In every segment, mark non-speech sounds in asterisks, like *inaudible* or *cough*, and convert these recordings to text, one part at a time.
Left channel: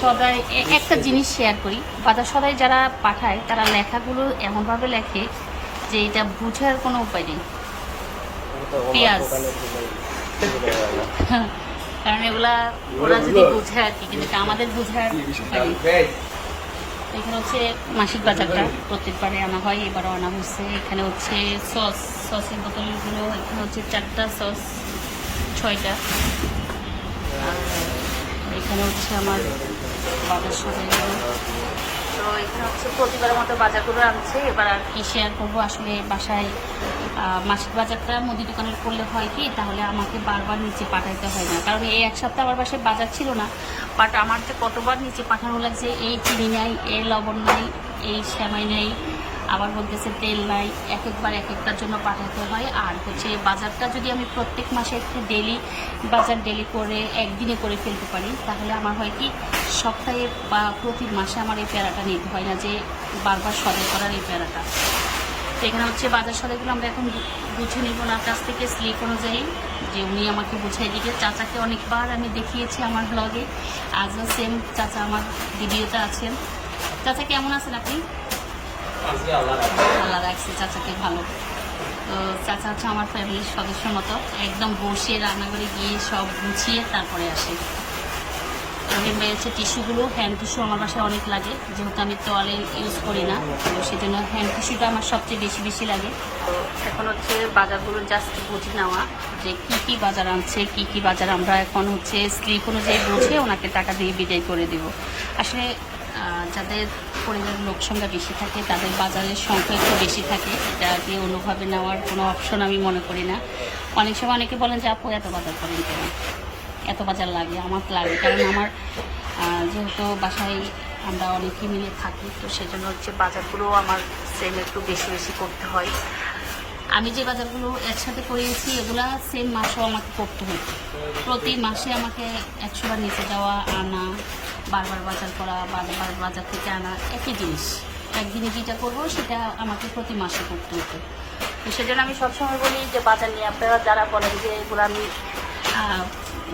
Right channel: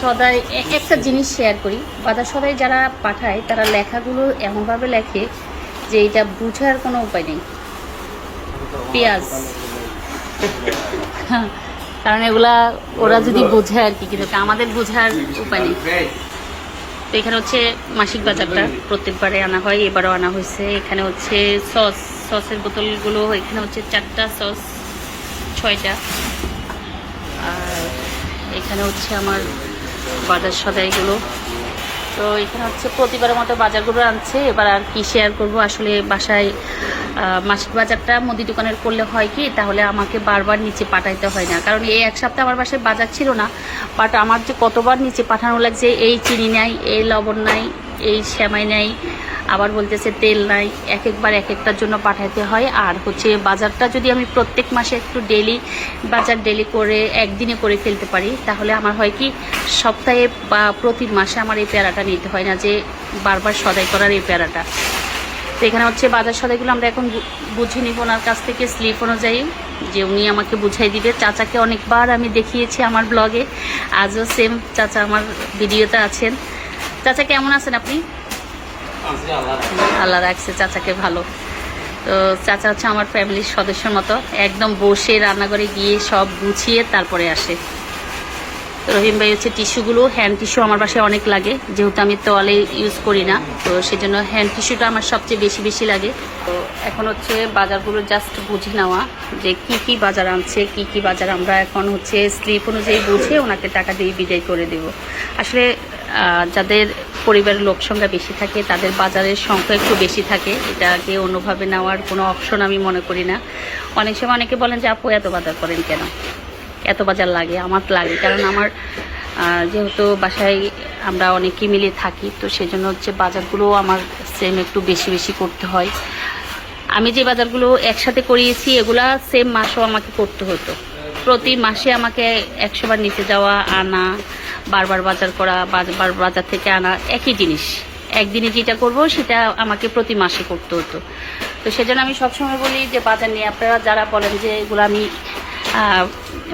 সদাই একটা জিনিস শেয়ার করি। বাজার সদাই যারা পাঠায়, তারা লেখাগুলো এমনভাবে লেখে যে এটা বুঝার কোনো উপায় নেই। পেঁয়াজ। *laughs* কারণ এগুলা ওরা যদি বোঝায় আর কি, কিন্তু আমাদের বোঝার উপায় নেই। তো এখানে হচ্ছে মাসিক বাজারটা প্রত্যেকবারে আনা হয়, এবারও আনা হয়েছে। এখানে হচ্ছে সস, সসের বোতলগুলো, এখানে হচ্ছে চারটা সস, ছয়টা। আর এখানে হচ্ছে আমার বাজার সদাইগুলো তো এখানে হচ্ছে প্রতিবারের মতো বাজারগুলো আনছে। এবার আর কি শেয়ার করব? আসলে বাসায় মাসিক বাজারটা মুদি দোকানের করলে হয় কি? তাহলে আমাকে বারবার নিচে পাঠাইতে হয় না। কারণ এই এক সপ্তাহ আমার বাসায় বাজার ছিল না। বাট আমার যে কতবার নিচে পাঠানো লাগছে, এই চিনি নাই, এই লবণ নাই, এই শ্যামাই নাই আবার বলতেছে, তেল নাই এক একবার এক একটার জন্য পাঠাতে হয়। আর হচ্ছে বাজারটা যদি আমি প্রত্যেক মাসে একটু ডেলি বাজার ডেলি করে একদিনে করে ফেলতে পারি, তাহলে আমার হয় কি, সপ্তাহে বা প্রতি মাসে আমার এই প্যারাটা নিতে হয় না, যে বারবার সদাই করার এই প্যারাটা। তো এখানে হচ্ছে বাজার সদাইগুলো আমরা এখন বুঝে নিব ওনার কাছ থেকে স্লিপ অনুযায়ী। যে উনি আমাকে বুঝাই দিবে। চাচাকে অনেকবার আমি দেখিয়েছি আমার ব্লগে। আজও সেম চাচা আমার ভিডিওতে আছেন। চাচা, কেমন আছেন আপনি? আল্লাহ রাখছে, চাচাকে ভালো। তো চাচা হচ্ছে আমার ফ্যামিলির সদস্যের মতো। একদম বসে রান্নাঘরে গিয়ে সব গুছিয়ে তারপরে আসে। রহিম ভাই হচ্ছে টিস্যুগুলো হ্যান্ড টিস্যু আমার বাসায় অনেক লাগে। যেহেতু আমি তোয়ালে ইউজ করি না, তো সেজন্য হ্যান্ড টিস্যুটা আমার সবচেয়ে বেশি বেশি লাগে। এখন হচ্ছে বাজারগুলো জাস্ট বুঝে নেওয়া যে কি কি বাজার আনছে, কি কি বাজার। আমরা এখন হচ্ছে স্লিপ অনুযায়ী বুঝে ওনাকে টাকা দিয়ে বিদায় করে দেব। আসলে যাদের পরিবারের লোক সংখ্যা বেশি থাকে, তাদের বাজারের সংখ্যা একটু বেশি থাকে, এটাকে অন্যভাবে নেওয়ার কোনো অপশন আমি মনে করি না। অনেক সময় অনেকে বলেন যে, আপু, এত বাজার করেন কেন? এত বাজার লাগে, আমার লাগে, কারণ আমার যেহেতু বাসায় আমরা অনেকেই মিলে থাকি, তো সেজন্য হচ্ছে বাজারগুলোও আমার সেম একটু বেশি বেশি করতে হয়। আমি যে বাজারগুলো একসাথে করিয়েছি, এগুলা সেম মাসও আমাকে করতে হতো। প্রতি মাসে আমাকে একশোবার নিচে যাওয়া, আনা বারবার বাজার করা, বারবার বাজার থেকে আনা একই জিনিস। একদিনে যেটা করব, সেটা আমাকে প্রতি মাসে করতে হতো। তো সেজন্য আমি সবসময় বলি যে, বাজার নিয়ে আপনারা যারা বলেন যে, এগুলো আমি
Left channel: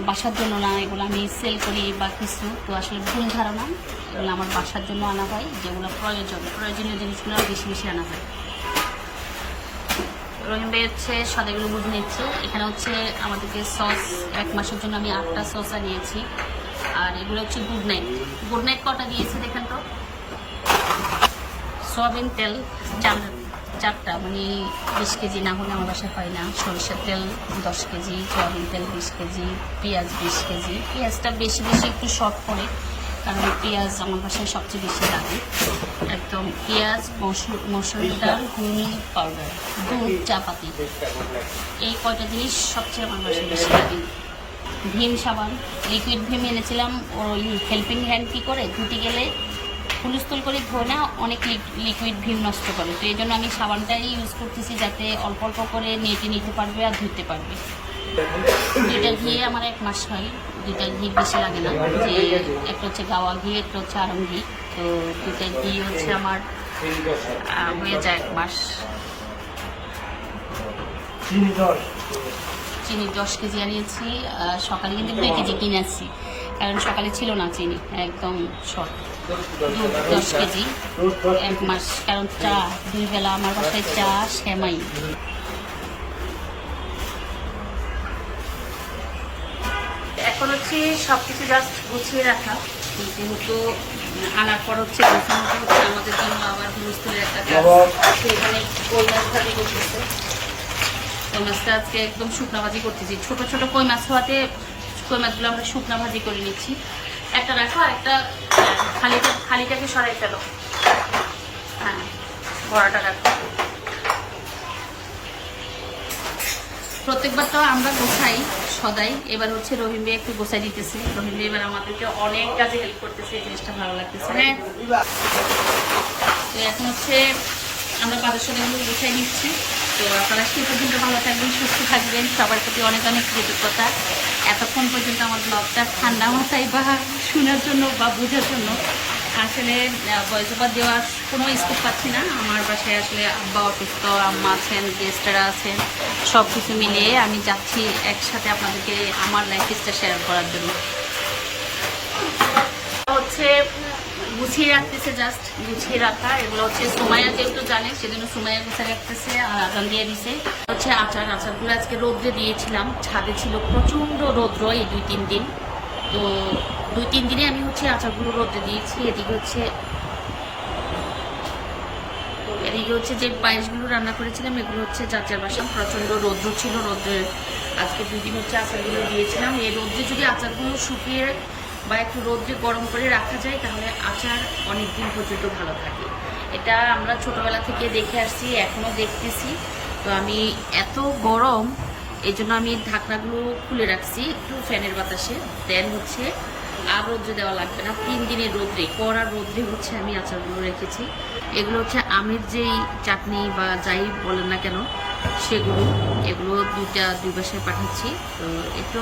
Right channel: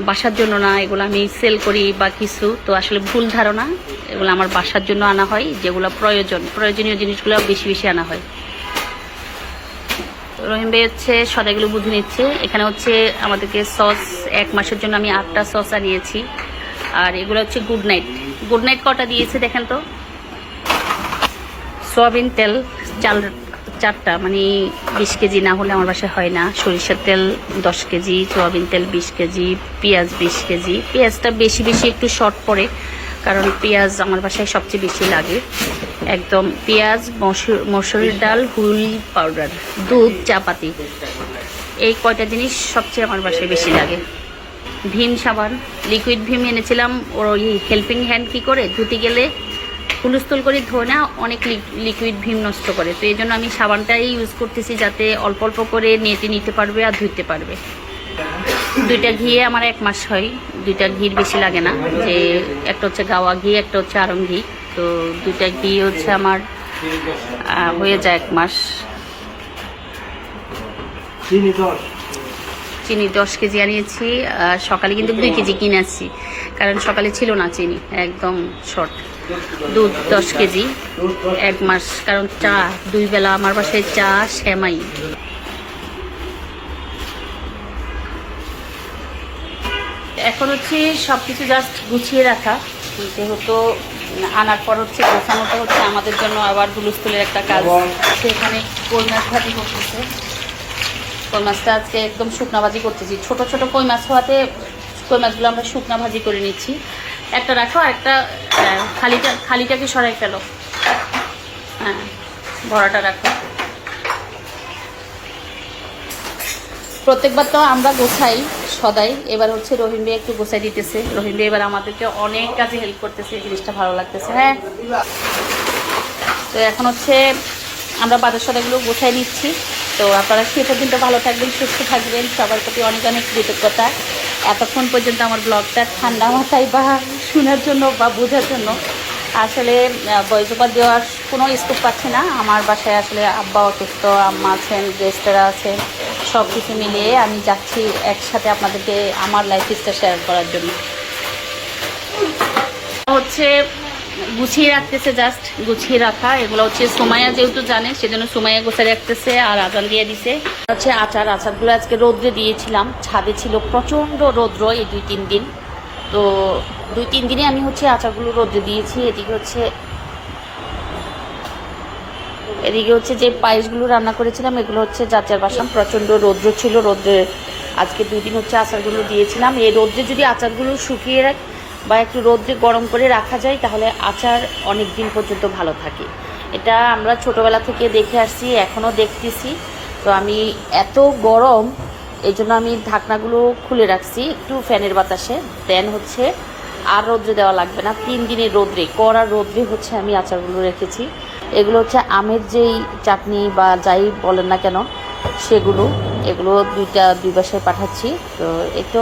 বাসার জন্য না, এগুলো আমি সেল করি বা কিছু, তো আসলে ভুল ধারণা। এগুলো আমার বাসার জন্য আনা হয়, যেগুলো প্রয়োজন, প্রয়োজনীয় জিনিসগুলো বেশি বেশি আনা হয়। রহিম ভাই হচ্ছে সদাইগুলো বুঝে নিচ্ছে। এখানে হচ্ছে আমাদেরকে সস এক মাসের জন্য আমি আটটা সস আনিয়েছি। আর এগুলো হচ্ছে গুড নাইট। গুড নাইট কটা দিয়েছে দেখেন তো? সয়াবিন তেল চাল চারটা মানে বিশ কেজি না হলে আমার বাসায় হয় না। সরিষার তেল দশ কেজি, সয়াবিন তেল বিশ কেজি, পেঁয়াজ বিশ কেজি। পেঁয়াজটা বেশি বেশি একটু শর্ট পড়ে, কারণ পেঁয়াজ আমার বাসায় সবচেয়ে বেশি লাগে। একদম পেঁয়াজ মসুর মসুরের ডাল হুল পাউডার, দুধ, চাপাতি। এই কয়টা জিনিস সবচেয়ে আমার বাসায় বেশি লাগে। ভীম সাবান লিকুইড ভীম এনেছিলাম। ওর ওই হেল্পিং হ্যান্ড কি করে? ধুতে গেলে হুলস্থুল করে ধোয় না, অনেক লিকুইড ভীম নষ্ট করে। তো এই জন্য আমি সাবানটাই ইউজ করতেছি যাতে অল্প অল্প করে নেটে নিতে পারবে আর ধুইতে পারবে। দুইটা ঘিয়ে আমার এক মাস হয়। দুইটা ঘির বেশি লাগে না। যে একটা হচ্ছে গাওয়া ঘি, একটা হচ্ছে আরং ঘি। তো দুইটা ঘি হচ্ছে আমার হয়ে যায় এক মাস। চিনি দশ কেজি আনিয়েছি, আর সকালে কিন্তু দুই কেজি কিনে আসছি কারণ সকালে ছিল না চিনি, একদম শর্ট দুধ দশ কেজি, এক মাস, কারণ চা, দুই বেলা আমার বাসায় চা শ্যামাই এখন হচ্ছে সব কিছু জাস্ট গুছিয়ে রাখা। যেহেতু আনার পর হচ্ছে গোছানোটা হচ্ছে, আমাদের জন্য আবার হুলুস্থুলের একটা কাজ। সেখানে কই মাছটা আজকে একদম শুকনা ভাজি করতেছি। ছোট ছোট কই মাছ হওয়াতে কই মাছগুলো আমরা শুকনা ভাজি করে নিচ্ছি। একটা রাখো, আর একটা খালিটা খালিটাকে সরাই ফেলো? হ্যাঁ ভরাটা রাখো। প্রত্যেকবার তো আমরা গোছাই সদাই। এবার হচ্ছে রহিম ভাই একটু গোছাই দিতেছে। রহিম ভাই এবার আমাদেরকে অনেক কাজে হেল্প করতেছে, এই জিনিসটা ভালো লাগতেছে। হ্যাঁ। তো এখন হচ্ছে আমরা বাজার সদাইগুলো গোছাই নিচ্ছি। তো আপনারা সে পর্যন্ত ভালো থাকবেন, সুস্থ থাকবেন। সবার প্রতি অনেক অনেক কৃতজ্ঞতা। এতক্ষণ পর্যন্ত আমার ব্লগটা ঠান্ডা মাথায় বা শোনার জন্য বা বোঝার জন্য। আসলে বয়স বয়সোপাত দেওয়ার কোনো স্কোপ পাচ্ছি না। আমার বাসায় আসলে আব্বা অসুস্থ, আম্মা আছেন গেস্টরা আছেন সব কিছু মিলিয়ে আমি যাচ্ছি একসাথে আপনাদেরকে আমার লাইফ স্টাইল শেয়ার করার জন্য। হচ্ছে গুছিয়ে রাখতেছে জাস্ট গুছিয়ে রাখা। এগুলো হচ্ছে সোমাইয়া যেহেতু জানে, সেজন্য সোমাইয়া গোছায় রাখতেছে আর আজান দিয়ে দিছে। হচ্ছে আচার। আচারগুলো আজকে রোদ্রে দিয়েছিলাম। ছাদে ছিল প্রচণ্ড রৌদ্র এই দুই তিন দিন। তো দুই তিন দিনে আমি হচ্ছে আচারগুলো রোদ্রে দিয়েছি। এদিকে হচ্ছে এদিকে হচ্ছে যে পায়েসগুলো রান্না করেছিলাম, এগুলো হচ্ছে যাচার বাসাম প্রচণ্ড রৌদ্র ছিল। রৌদ্রে আজকে দুই দিন হচ্ছে আচারগুলো দিয়েছিলাম। এই রৌদ্রে যদি আচারগুলো শুকিয়ে রাখ বা একটু রৌদ্রে গরম করে রাখা যায়, তাহলে আচার অনেক দিন পর্যন্ত ভালো থাকে। এটা আমরা ছোটবেলা থেকে দেখে আসছি, এখনও দেখতেছি। তো আমি এত গরম এই জন্য আমি ঢাকনাগুলো খুলে রাখছি একটু ফ্যানের বাতাসে। দেন হচ্ছে, আর রৌদ্রে দেওয়া লাগবে না। তিন দিনের রৌদ্রে, কড়া রৌদ্রে হচ্ছে আমি আচারগুলো রেখেছি। এগুলো হচ্ছে আমের যেই চাটনি বা যাই বলেন না কেন, সেগুলো, এগুলো দুইটা, দুই বাসায় পাঠাচ্ছি। তো একটু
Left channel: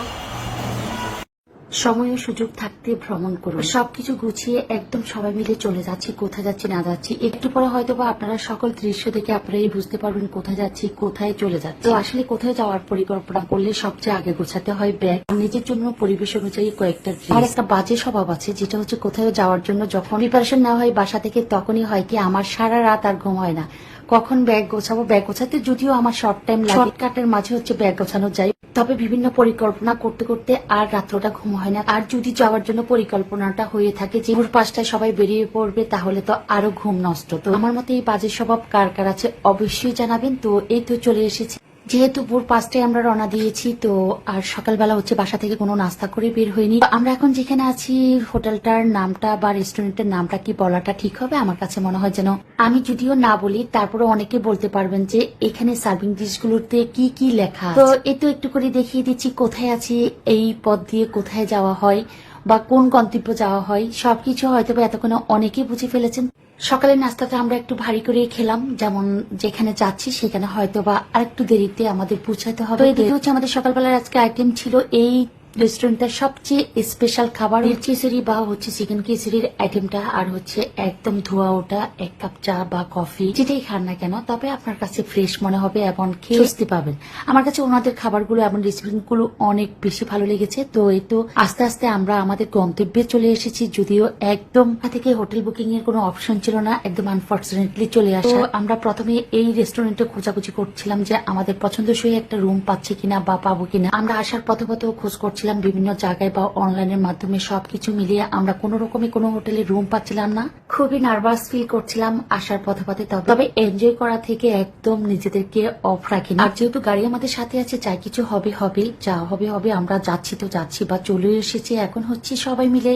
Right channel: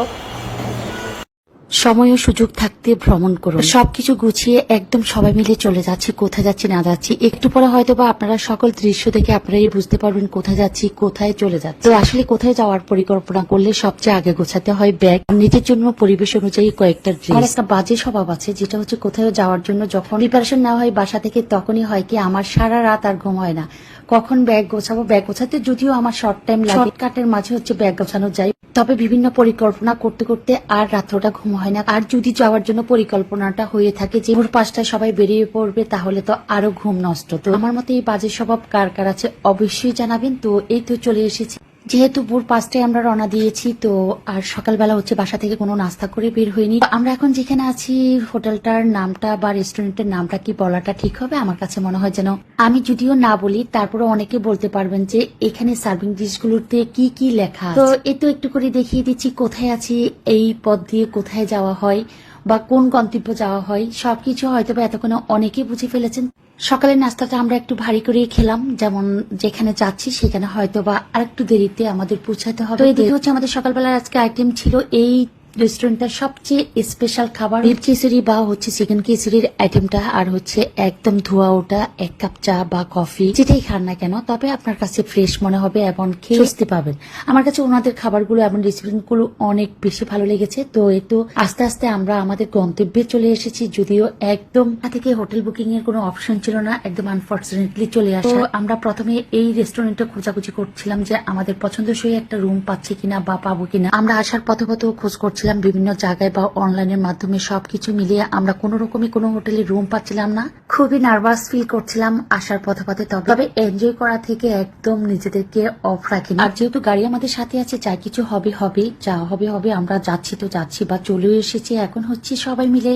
সময় ও সুযোগ থাকতে ভ্রমণ করুন। সবকিছু গুছিয়ে একদম সবাই মিলে চলে যাচ্ছি কোথায় যাচ্ছি না যাচ্ছি একটু পরে হয়তো বা আপনারা সকল দৃশ্য দেখে আপনারাই বুঝতে পারবেন কোথায় যাচ্ছি কোথায় চলে যাচ্ছি। আসলে কোথায় যাওয়ার পরিকল্পনা করলে সবচেয়ে আগে গোছাতে হয় ব্যাগ নিজের জন্য পরিবেশ অনুযায়ী কয়েকটা আর একটা বাজে স্বভাব আছে যেটা হচ্ছে কোথাও যাওয়ার জন্য যখন প্রিপারেশন না হয় বাসা থেকে তখনই হয় কি আমার সারা রাত আর ঘুম হয় না। কখন ব্যাগ গোছাবো? ব্যাগ গোছাতে যদিও আমার শর্ট টাইম লাগে। কাটের মাঝে হচ্ছে ব্যাগ গোছানো যায়। তবে বিভিন্ন পরিকল্পনা করতে করতে আর রাত্রটা ঘুম হয় না। আর যদি যাওয়ার জন্য পরিকল্পনাটা হয়ে থাকে যে ভোর পাঁচটায় সবাই বেরিয়ে পড়বে, তাহলে তো আরও ঘুম নষ্ট। তো আমার মতে এই বাজে স্বভাব কার কার আছে অবশ্যই জানাবেন। তো এই তো চলে এসেছি। যেহেতু ভোর পাঁচটায় আমরা রওনা দিয়েছি, তো আর সকালবেলা হচ্ছে বাসা থেকে কোনো নাস্তা করে বের হয়নি আমরা এখন যেখানে আছি, হোটেলটার নামটা বা রেস্টুরেন্টের নামটা কি বলাটা ঠিক হবে? আমার কাছে মনে হয় যেন আমি যদিও না বলি তারপরে অনেকে বলতে পারবেন যে এখানে সার্ভিং ডিশগুলোতে কি কি লেখা তো একটু একটু করে দেখিয়ে দিচ্ছি কোথায় আছি, এই পথ দিয়ে কোথায় যাওয়া হয় বা কোন গন্তব্য যাওয়া হয়। সবকিছু হয়তো এতক্ষণে অনেকেই বুঝে ফেলেছেন। সকালের নাস্তাটা আমরা একটু ভারী করেই খেলাম। যেমন যেখানে যাচ্ছি সেখানে হয়তো বা আরেকটু দেরিতে আমাদের পৌঁছাতে হবে। হচ্ছে আমাদের সকালবেলার আজকে আইটেম ছিল এই রেস্টুরেন্টের সবচেয়ে স্পেশাল খাবার বিফ খিচুড়ি বা হচ্ছে চিকেন খিচুড়ির আইটেমটা আর হচ্ছে একদম ধোয়া ওটা এক কাপ চা বা কফি যেটাই খান না কেন তবে আপনার কাছে ফ্রেশ মনে হবে এবং খেয়ে পাবেন আমার কাছে ওনাদের খাবারগুলো এবং রেস্টুরেন্টগুলো অনেক বেশি ভালো লেগেছে। তো এই তো আস্তে আস্তে আমরা আমাদের গন্তব্যে চলে এসেছি যদিও একদম থেকে হোটেল বুকিং এর কোনো অপশন ছিল না একদম আনফর্চুনেটলি চলে আসা। তো আমরা প্রথমে এই রেস্টুরেন্টে খোঁজাখুঁজি করছিলাম যে আমাদের পছন্দসই একটা রুম পাচ্ছি কিনা বা পাবো কিনা। আমরা আসার পথে পথে খোঁজ করছিলাম বিভিন্ন জায়গায় বা অনলাইনের মাধ্যমে সবকিছু মিলিয়ে আমরা কোনো রকমে কোনো হোটেলে রুম পাচ্ছিলাম না। খুবই নার্ভাস ফিল করছিলাম আসার পথে পথে, তবে এনজয় করা থেকে একদম নিজেদেরকে অফ রাখিনি। আর যেহেতু গাড়ি আমাদের সাথে আছে যা কিছু হবে হবে, যা হবে হবে, আমরা যাচ্ছি তো যাচ্ছি বা চলে এসেছি। এখন হচ্ছে সবাই মিলে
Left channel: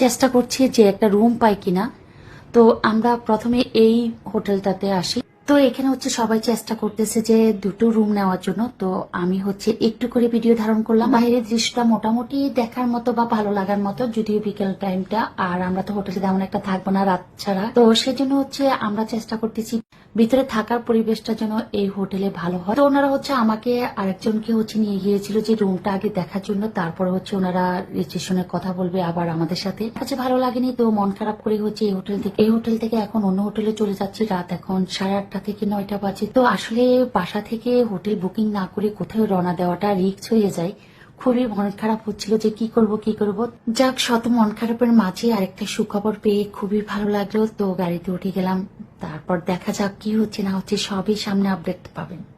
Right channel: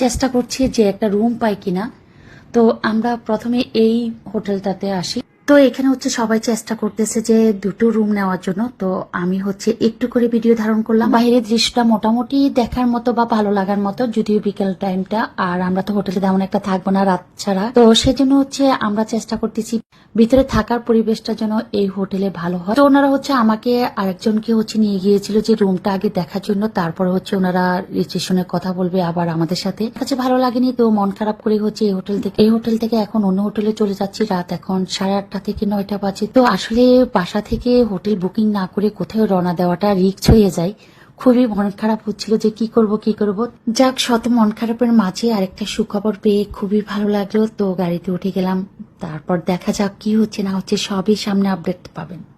চেষ্টা করছি যে একটা রুম পাই কিনা। তো আমরা প্রথমে এই হোটেলটাতে আসি। তো এখানে হচ্ছে সবাই চেষ্টা করতেছে যে দুটো রুম নেওয়ার জন্য। তো আমি হচ্ছে একটু করে ভিডিও ধারণ করলাম। বাইরের দৃশ্যটা মোটামুটি দেখার মতো বা ভালো লাগার মতো, যদিও বিকেল টাইমটা আর আমরা তো হোটেলে তেমন একটা থাকব না রাত ছাড়া। তো সেজন্য হচ্ছে আমরা চেষ্টা করতেছি ভিতরে থাকার পরিবেশটা যেন এই হোটেলে ভালো হয়। তো ওনারা হচ্ছে আমাকে আরেকজনকে হচ্ছে নিয়ে গিয়েছিল যে রুমটা আগে দেখার জন্য। তারপরে হচ্ছে ওনারা রিসেপশনে কথা বলবে আবার আমাদের সাথে। কাছে ভালো লাগেনি, তো মন খারাপ করে হচ্ছে এই হোটেল থেকে, এই হোটেল থেকে এখন অন্য হোটেলে চলে যাচ্ছি। রাত এখন সাড়ে আটটা থেকে নয়টা বাজে। তো আসলে বাসা থেকে হোটেল বুকিং না করে কোথাও রওনা দেওয়াটা রিক্স হয়ে যায়। খুবই মন খারাপ হচ্ছিল যে কি করব কি করব। যাক, শত মন খারাপের মাঝে আরেকটা সুখবর পেয়ে খুবই ভালো লাগল। তো গাড়িতে উঠে গেলাম। তারপর দেখা যাক কি হচ্ছে, না হচ্ছে সবই সামনে আপডেট পাবেন।